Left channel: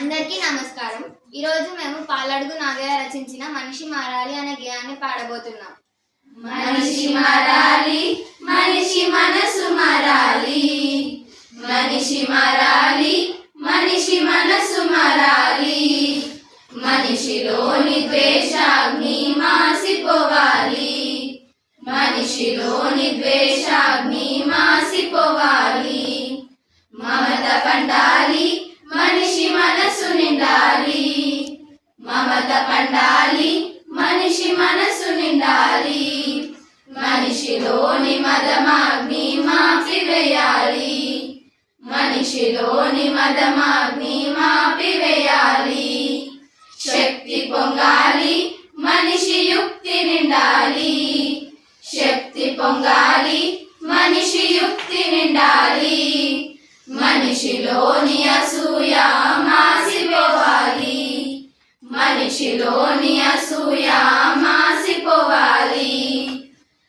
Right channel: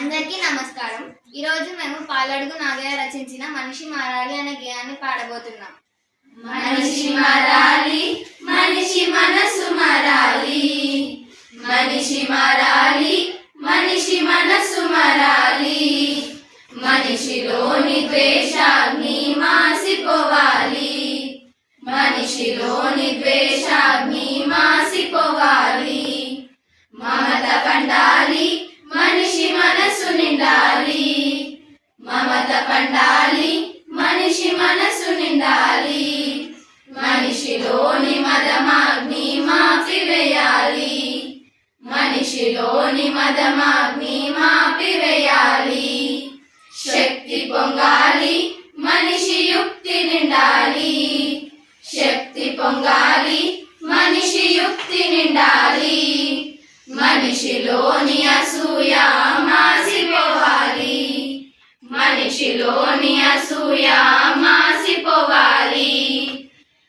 అందరికీ నమస్కారం. ఈరోజు మేము పాలడుగు నాగయ్య రచించిన మనిషి మారాలి అనే గేయాన్ని పాడబోతున్నాం. మనిషి మారాలి మనిషి మనసు మారాలి. మనిషి మారాలి మనిషి మనసు మారాలి. మనిషిలోని ద్వేషాగ్ని మాసిపోవాలి. మనిషిలోని ద్వేషాగ్ని మాసిపోవాలి. మమత పండాలి నిండాలి మమత పండాలి మనిషి మనసు నిండాలి. మనిషిలోని మదమాగ్ని మాపివేయాలి మనిషిలోని మదమాగ్ని మాపివేయాలి శక్తి పొంగాలి మనిషి యుక్తి నిండాలి. శక్తి పొంగాలి మనిషి యుక్తి నిండాలి. మనిషిలోని మనిషిలోని అసూయ మాసిపోవాలి.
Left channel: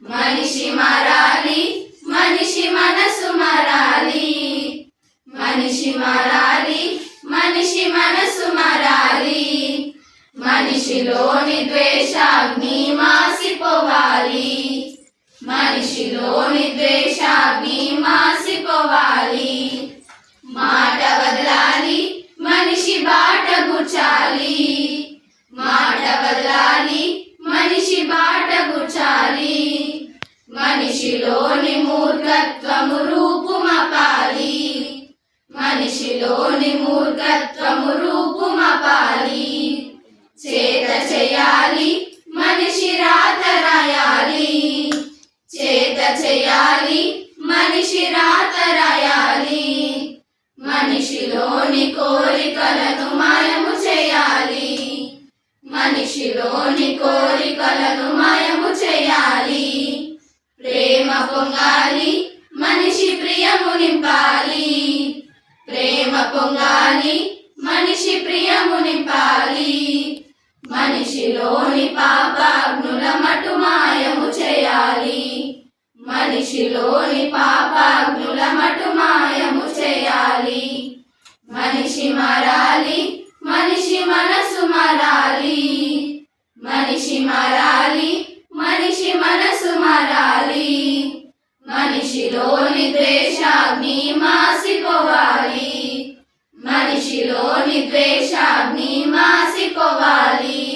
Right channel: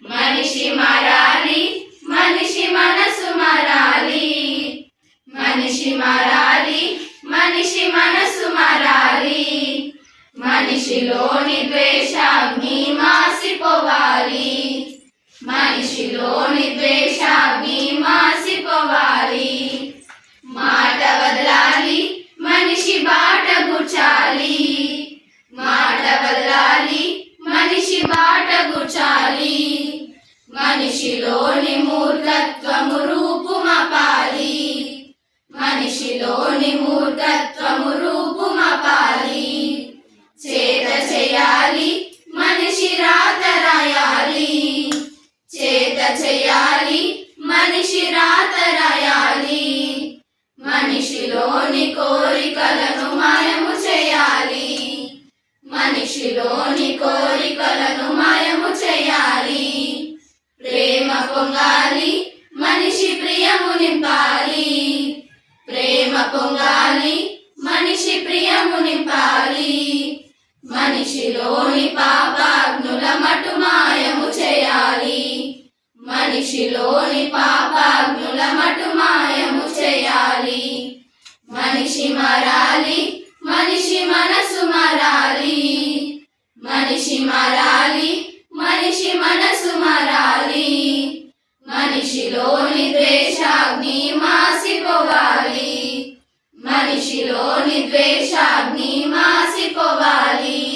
మనిషి మారాలి మనిషి మనసు మారాలి. మనిషి మారాలి మనిషి మనసు మారాలి. మనిషిలోని ద్వేషాగ్ని మాసిపోవాలి. మనిషిలోని ద్వేషాగ్ని మాసిపోవాలి. మూర్ఖత్వము రూపుమపాలి. మనిషిలోని మూర్ఖత్వము రూపుమపాలి. చేత చేయాలి మనిషి రాత రాయాలి. చేత చేయాలి మనిషి రాత రాయాలి. మనిషిలోని కోరికలను మాయము చేయాలి. మనిషిలోని కోరికలను మాయ నింపాలి ప్రేమ పొంగాలి మనిషి ప్రియము నింపాలి. మనిషిలోని పాపాగ్నుల మటు మాయము చేయాలి. మనిషిలోని పాపాగ్నుల మటు మాయము చేయాలి. మనిషి మారాలి మనిషి మనసు మారాలి. మనిషి మారాలి మనిషి మనసు మారాలి. మనిషిలోని ద్వేషాగ్ని మాసిపోవాలి. మనిషిలోని ద్వేషాగ్ని మాసిపోవాలి.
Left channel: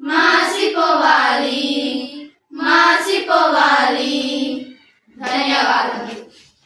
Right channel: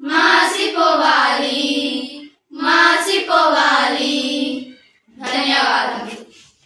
మాసిపోవాలి.